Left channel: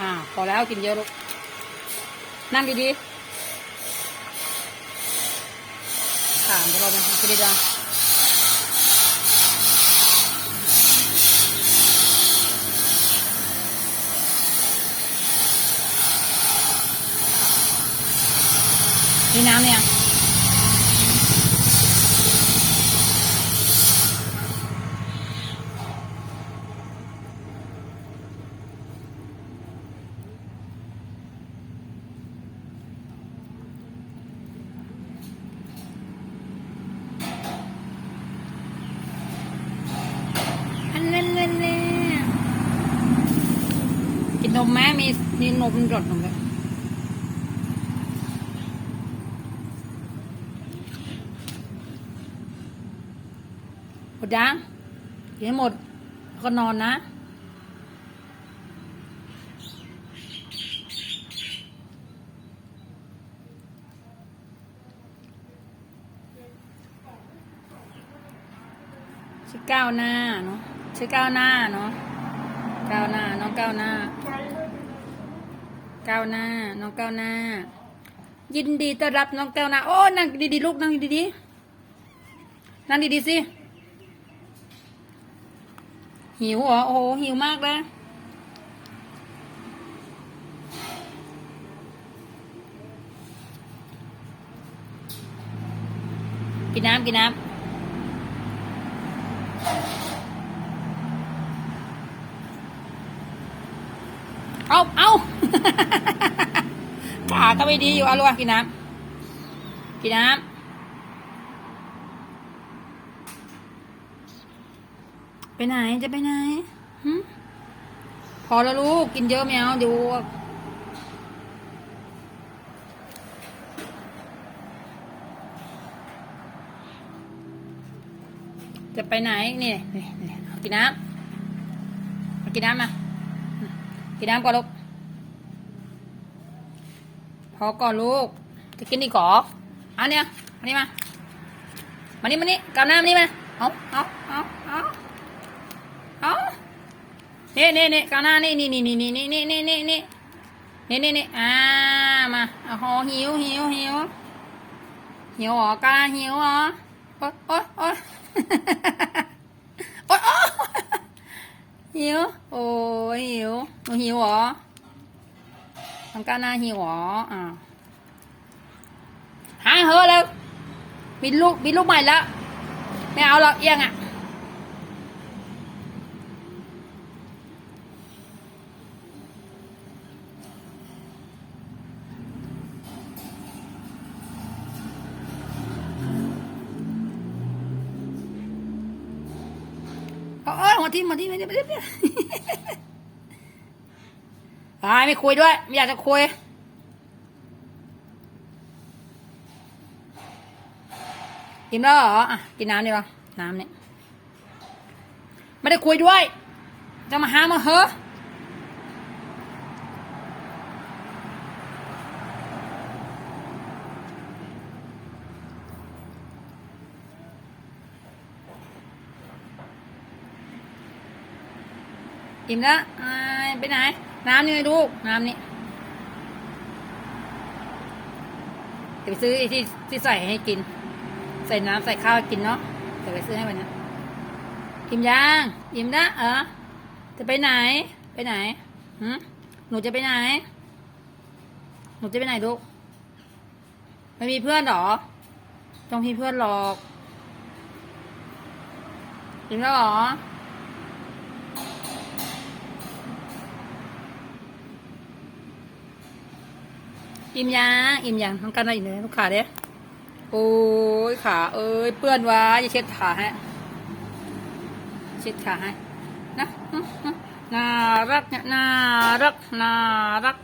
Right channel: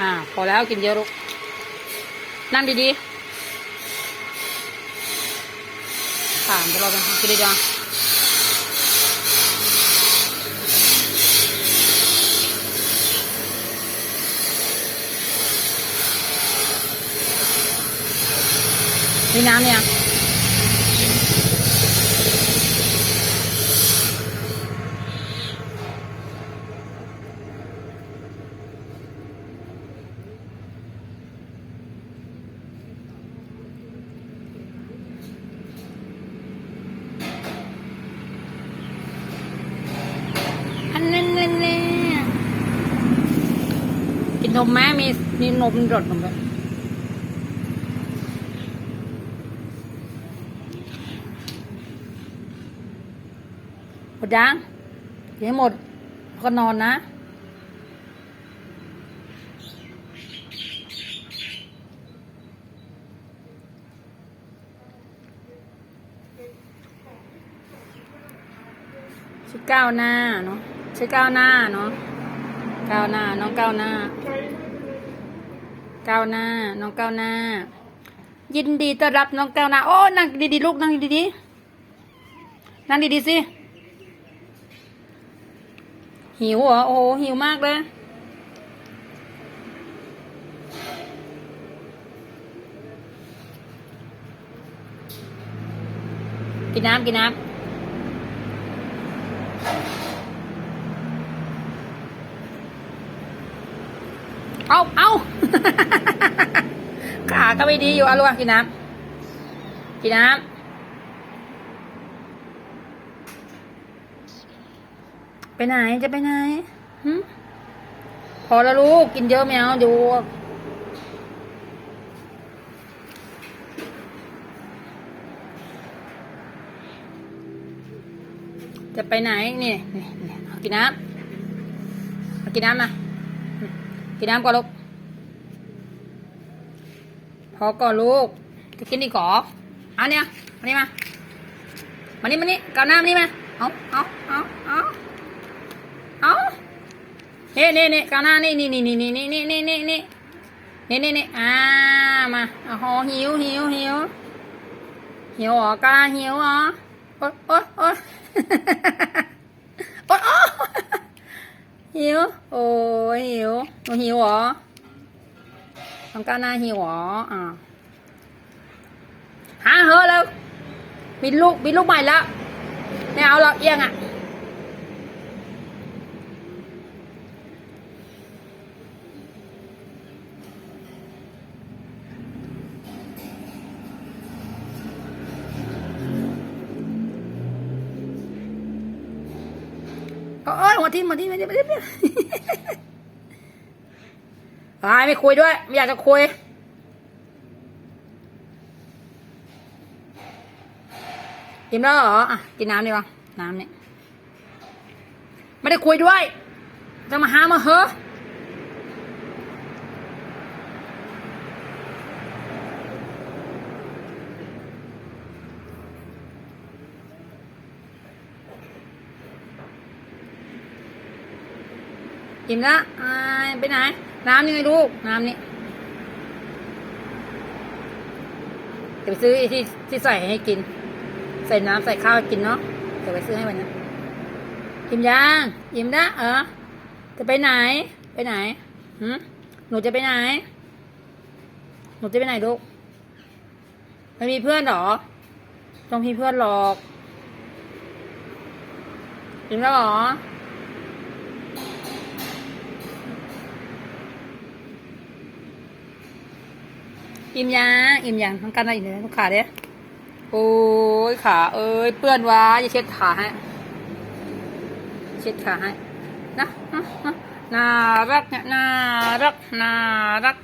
อ่า พอแล้วกินเยอะลูก นั่งดีๆค่ะเดี๋ยวเราไปหากินดีจ้านี่น้ำเนี่ย อันนั้นเล่นกินนมไหมมีมีนมรดนมด้วยหมดยังกินให้หมดก็นอนนะชื่อก้าหน้าเนาะ ชื่อก้าวหน้าเนาะก้าวหน้าน้องก้าวหน้า ก้าวหน้า น้องก้าวหน้า ยินดีต้อนรับน้องก้าวหน้า โอ้นั่งดีๆลูกนั่งดีๆนั่งดีๆสิหิวเหรอโอ้โหหิวมากเลยกินน้ำกินน้ำ เอาเอาขาก็ไม่ดีอยู่อาลูกกินน้ำกินน้ำไปไหนจะไปไหนหึพอแล้วลูกกินเยอะไม่เอาเดี๋ยวจะไปไหนนี่นี่นี่กินน้ำเอากินน้ำมา กินน้ำก่อนลูก พอก่อนลูก จะกินอีกเหรอเอาเนี่ยมานี่มา มานี่มานี่กาน้ำนี่มา เอาเอาเอาเอาเอานี่นี่นี่กาน้ำนี่นี่นี่นี่นี่นี่นี่นี่นี่นี่นี่นี่อ่ามาโอ้โหหิวหิวหิวหิวเหรอกาหิวเหรอโอ๊ยโอ๊ยโอ๊ยโอ๊ยโอ๊ย หิว โอ้ยหิวหนูหิวเหรอน้องก้าวหน้าหิวเหรออ่าหาเหอแล้วบินลูกบินลูกใหม่แล้วไม่เอาหรอกเอียงอะ โอ้ยหัวทิ่มหัวทิ่มหัวทิ่มหัวทิ่มตายไม่คุยด้วย ไม่อยากจะคุยกินแล้วเหรออะกินน้ำดีกว่าน้ำเนี่ยไม่ได้คุยด้วยจะมาหามาเหอ กินละไปไหน น้ำนี่ลูก น้ำนี่จะไปซื้อไอ้ที่ที่ใส่ให้กิน ใส่น้ำใส่ข้าวกินเนาะเดี๋ยวไปซื้อให้มันนะอิ่มยังอิ่มละเออจะไปไหน ไปไหนหืมหนูจะไปไหน หนูจะไปไหนลูกไม่มีเพื่อนเหรอ ต้องมีเพื่อนหรอกอิ่มแล้วหรอ อิ่มยังอิ่มยังทำการอะไรอีกเนี่ยลูกขาเด้โอ้ยขา เอ้ยเปื้อนวะจะเช็ดขาให้ เช็ดขาให้ นะน่ารักเนี่ยน่ารักน่ารัก